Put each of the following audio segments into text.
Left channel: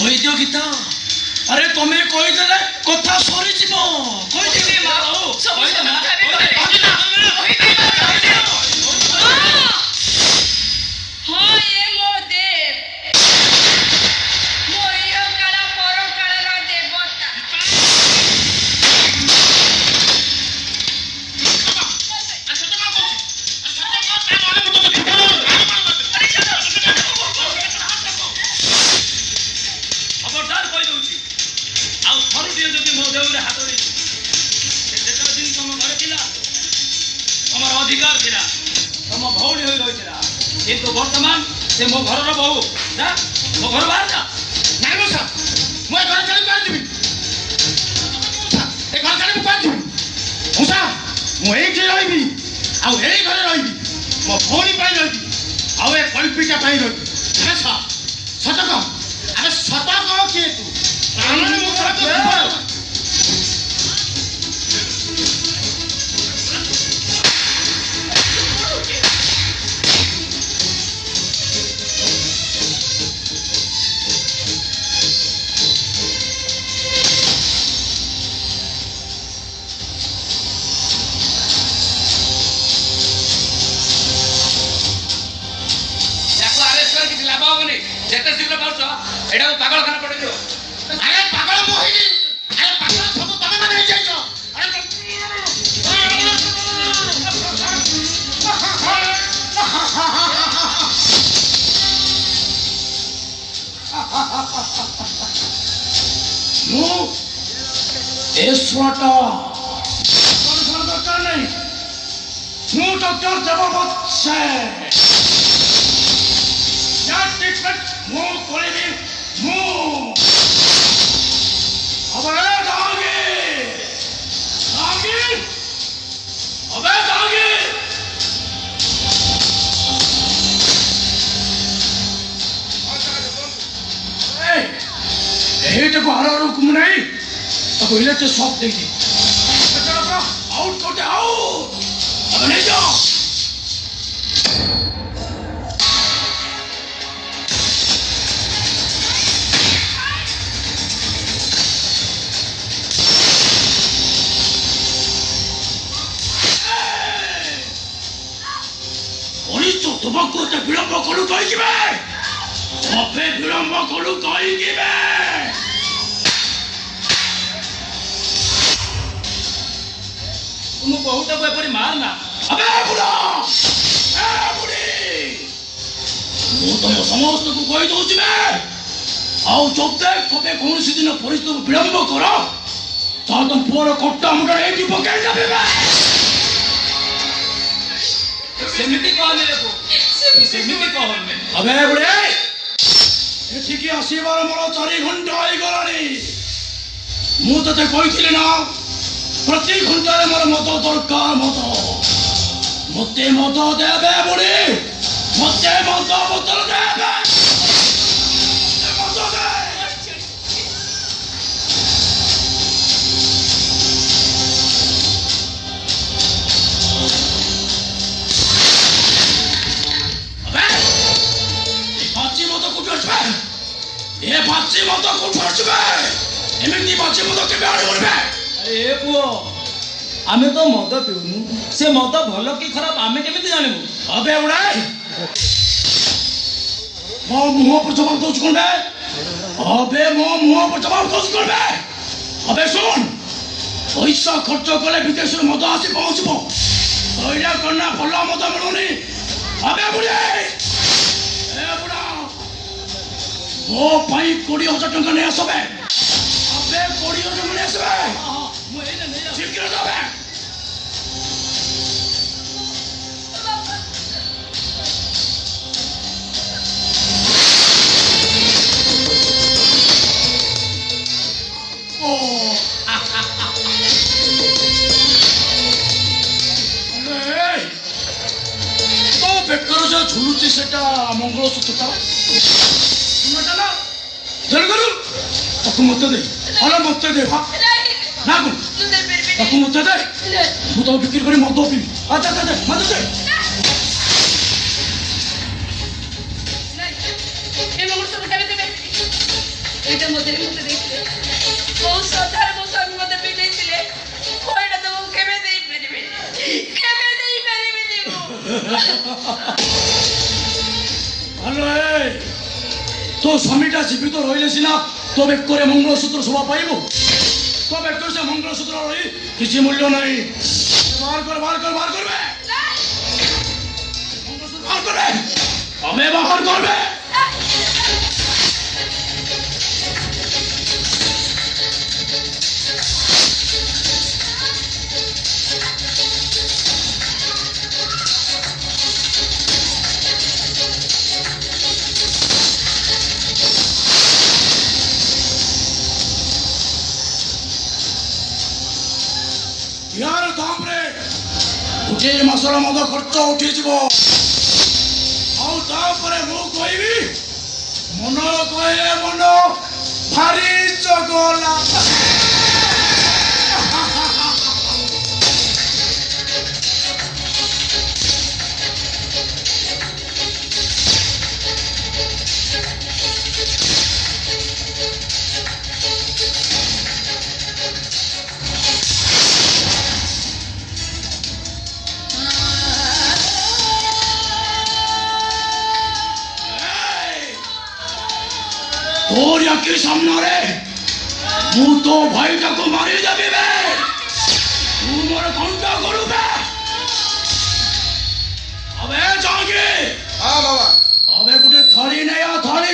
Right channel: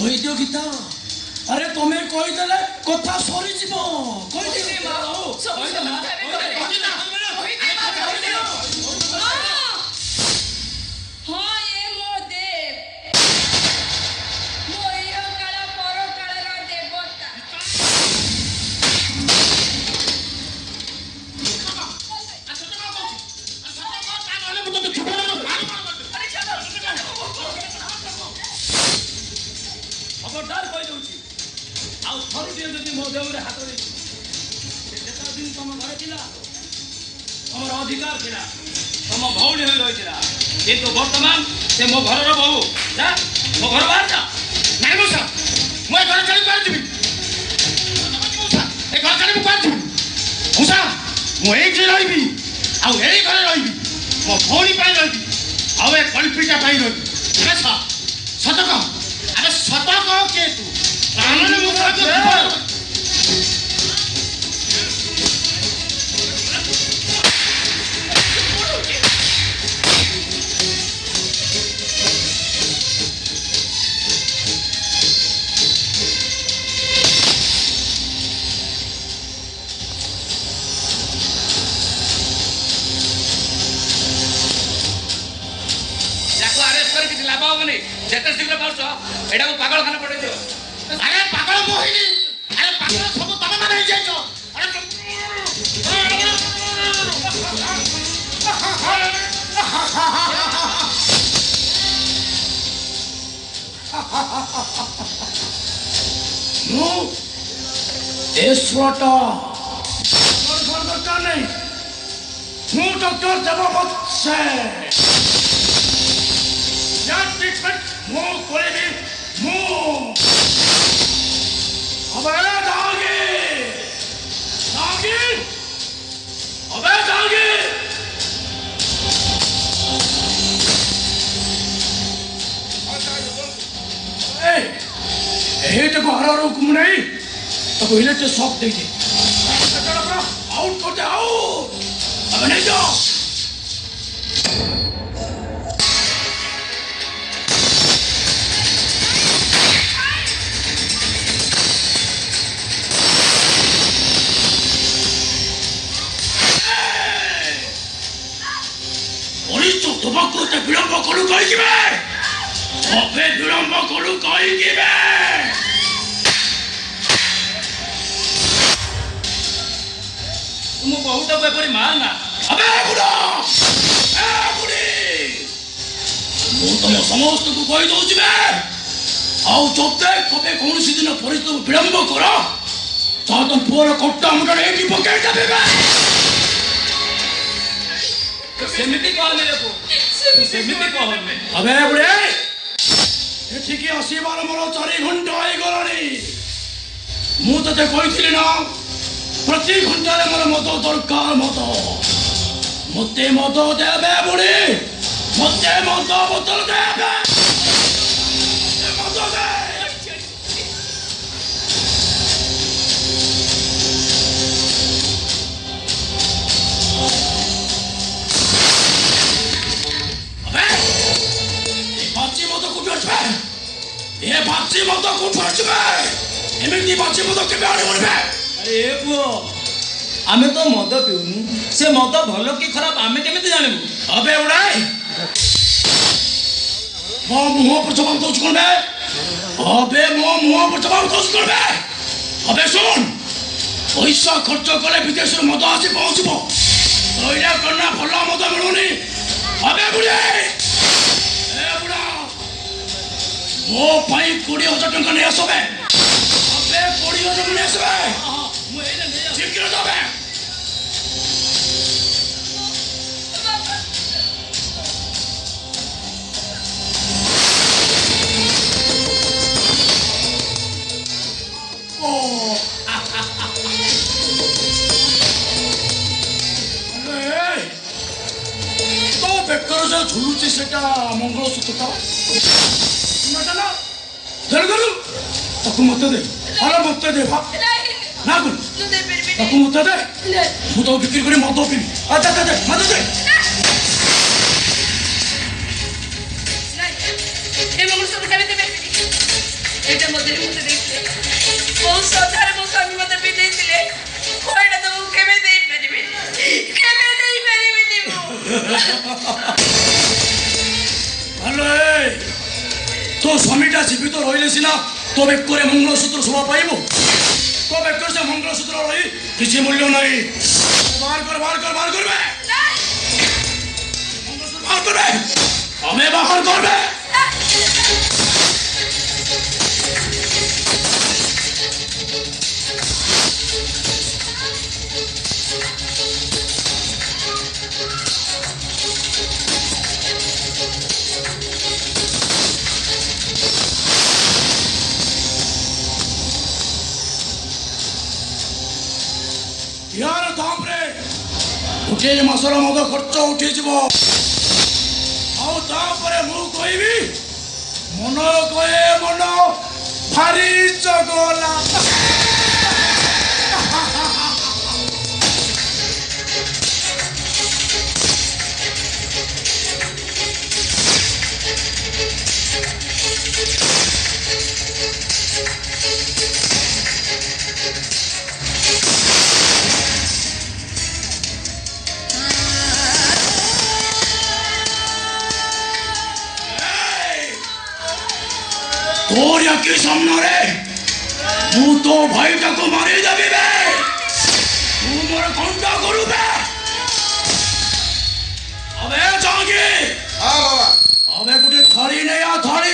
କହିଦିଅ ଗୀତା। ଆରେ ତମେ କହିଦେଲେ କଥା ସରିଯିବ। କହିଦେବି ମା। अधिकार थिला तुम भौणी हो रही किंतु वर्तमान से मो घर बहु जा मो घर बाहर जा नहीं मुसा मैं घर चली पार जीवी मुसा ए घर चली पार जीवी मुसा मु एई जे रहिबी आ एई घर रहिबी मो भौणी पाई रहिबी आ ए कल्पिका पाई रहिबी अच्छा सतक अरे सतक के तू कानून मुसा जेते शीघ्र पास एडा पागल खाना पड़े जो अरे पागल मोहिनी अरे पागल सब तमे माने हे जाइछो नु एस्वाटा दरकार नहीं नु डॉक्टर देववत से ट्रीटमेंट मुंह खोले भी मुंह अबे दागी दागी अबे दागी ए तो बाहर रुकम नहीं अब इले तो शॉप देखी आउट करते आउट अब नहीं जाओ विलंब करू कहीं विलंब करू कहीं तुम बहुत बेपरी मारना तुम समस्त को कही दूसरी जब कौन दिन परिस्थिति विलंब कर तुम पुअर कटा मुंडे पकड़ सेमिति कहने सेमिति कहने अबे बुढ़े एठिकी आसीबार मोर 4 घंटा आइ गलानी मु तते कहिथिले ना प्रति घंटा मोर मत दरकार मते मत देबे बुढ़े मते मत बोतल देबे मत दे ये बाची मत को फाचबे एमती बाची मत के बारे होबे अरे पुओ आमे तो मद पिउनु से मद भलो की खराब आमे केमिति जानबु अबे उड़ाई मो मुंह पर जवाब दोच कोने अबे मो मुंह पर जवाब दोच कोने अबे सुन पैसा खर्च करे विदेश मद आसी पहुंचबो तोइरा करना भलो मद मिलुनी अबे बुढ़े मो भाई 20,000 टंका नहीं आसबे अबे 20,000 नहीं आसबे मु एले नहीं ठीक कर दबे ओ अरे तो बेकर जो झुलुची सेटा मंगलसूत्र तो ताकू मत दे अरे मत दे ना ताकू मत दे मु तो बिक्री करे मत पीबी अच्छा दे मत दे ए मंगलसूत्र बटा दे ए ভয়টা মধ্যে ঢুকতে দেখছে বউ শ্রদ্ধার মতো আমি মতো পেতেছিলে ভয়টা তো বউ কেঁপেতেই পারিবে তো স্বামীটা জীবিত রইলে সিনা তবে করে মঙ্গলসূত্র শোভা পাইব তবে সে মঙ্গলসূত্র রই কিছু মূল্য নাই বার করবে আমি বাহার করবে ইয়ার তাপরে উঠে মশলা মদ খরচ উঠিଯିବ ଆଉ ତାପରେ ମୁଁ କହିବି ମନ କହେ ମନ ଭାରି ଚଗଲା তোর একই সামনে রে তু তো ভাইটাকে মারি যাবি বে তু মোর কোনটা করবে আবে জাগি হ্যাঁ বাবা আবে গুটে থালি নেই থালি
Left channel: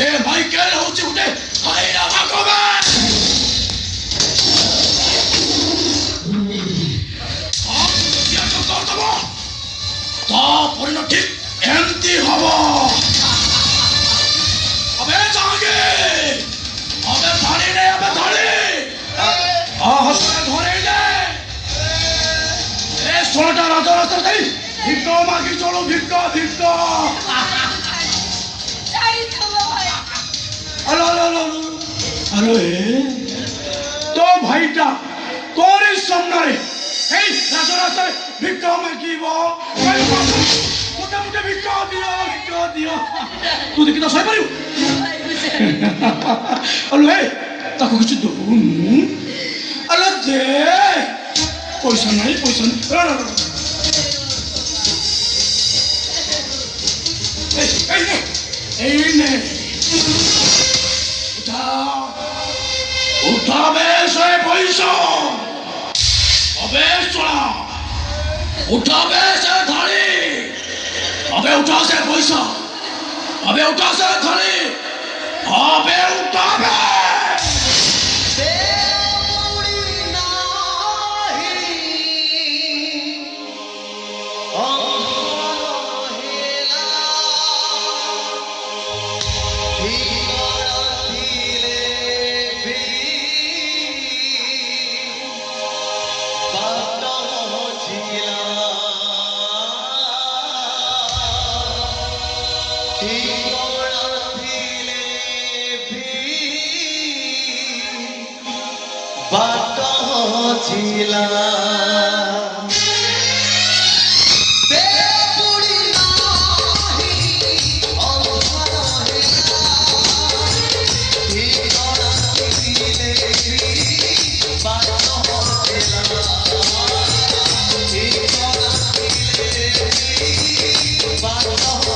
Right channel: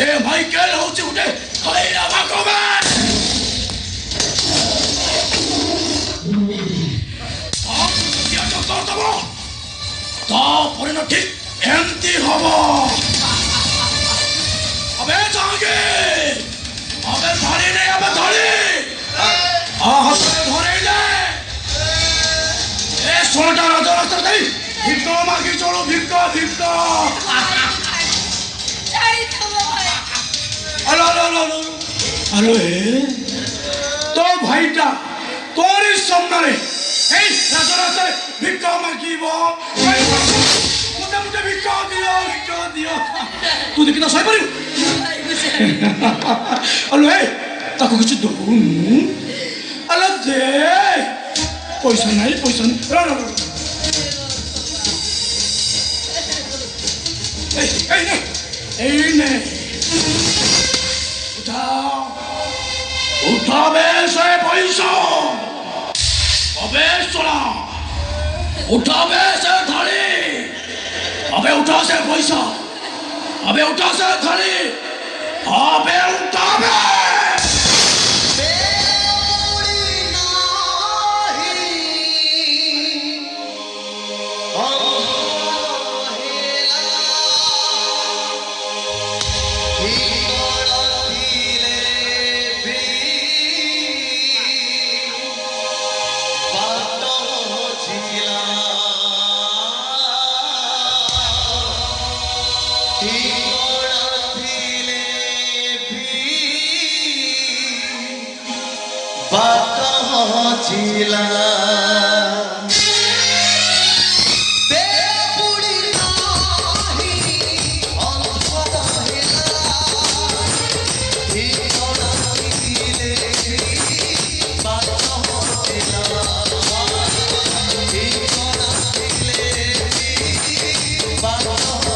এ ভাই কে হচ্ছে গুটে খাইরা ভাগবে তারপরে না ঠিক এমতি হব আবে জাগে আবে থালি নেই আবে থালি হাসপাতালে ধরে যায় এ সোনাটা রাজা তাই ভিক্ষা মাগি চলো ভিক্ষা আরে তো ভাইটা তোর সামনে এই রাস্তায় ভিক্ষা মাগিব মুটে ভিক্ষা দিও তুই দেখি না সইপারিব আলো তাকে কিছু দৌন আলো দে পয়সা নাই এই নে উঠাবে সে পয়সা अबे सोना उठावे से थाली अबे उठा से पैसा अबे उठा से थाली अबे उठावे Bye.